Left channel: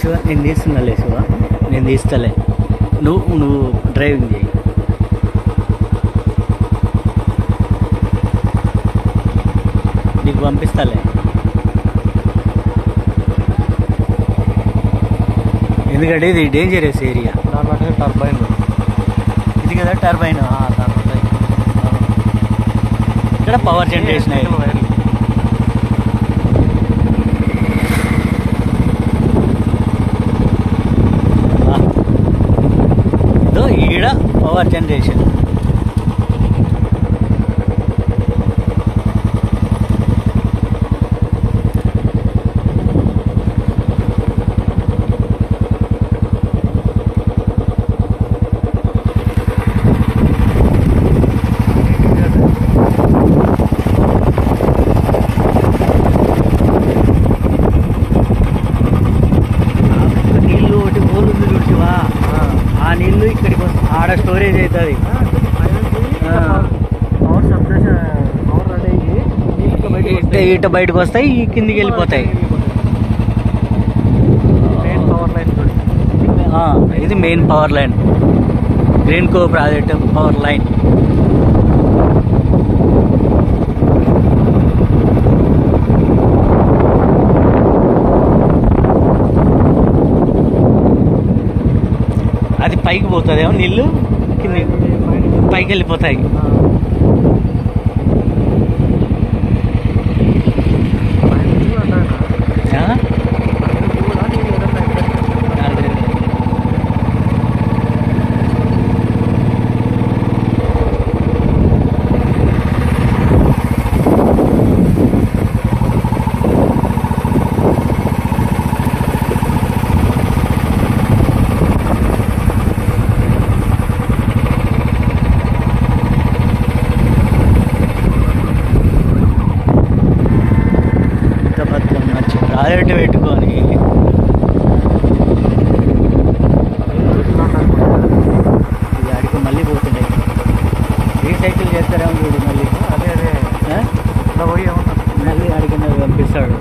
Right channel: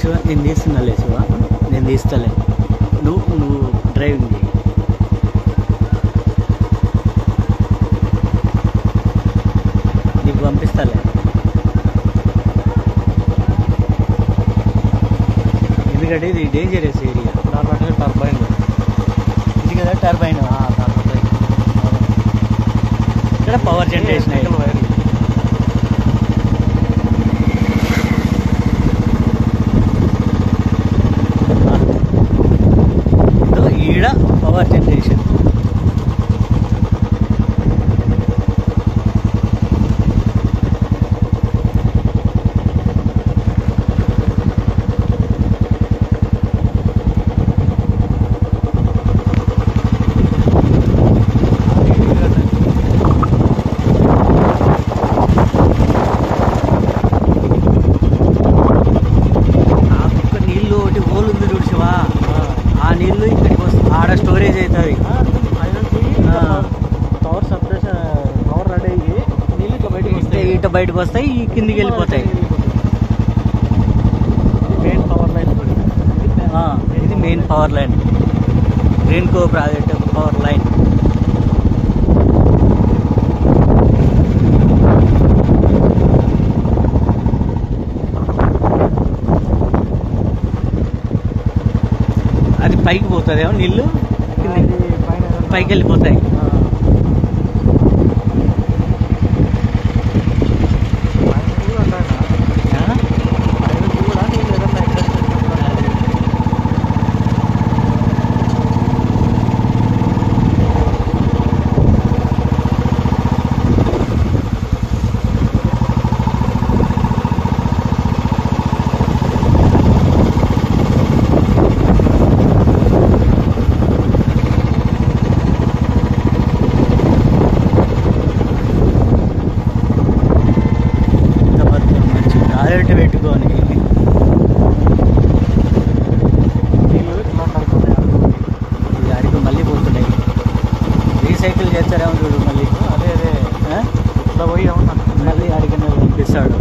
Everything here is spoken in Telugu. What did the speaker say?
శివ నేను తీస్తున్నలే శివ, నేను తీస్తలే, నువ్వు డ్రైవింగ్ చేయి. నీకు పంపిస్తాలే. ఎందుకంటే ఇది డేంజరస్ ఏరియా. టర్బైన్ ఇది కదా టర్బైన్. ఇక్కడ పవర్ జనరేషన్ వైర్లు. ఈడ పవర్ జనరేషన్. నీళ్ళు ఒకటి హోల్ ఉంది చూసివా, ఆ నీళ్ళు ఇక్కడికి వస్తుంది, ఆడ స్టోరేజ్ అవుతుంది. పవర్ సబ్స్టేషన్ పవర్ రెడీ అయ్యి ఇట బయటకు వస్తాయి, కిందికి వెళ్ళిపోతాయి. Main power line. ఇది మెయిన్ పవర్ లైన్, గ్రీన్ కో ప్రాజెక్ట్ పవర్ లైన్. అది పైకి పోతుందేమో నీళ్ళు, పైకి వెళ్ళిపోతాయి. మంచి ప్రాజెక్ట్ పెట్టుకొని అడిగి మళ్ళీ పోతున్నాయి. రీసైకిల్ చేస్తారేమో చూడు మళ్ళీ. అదే ఇట్లా పోయి ఏమన్నా మళ్ళీ అడిగిన పంపిస్తాడు.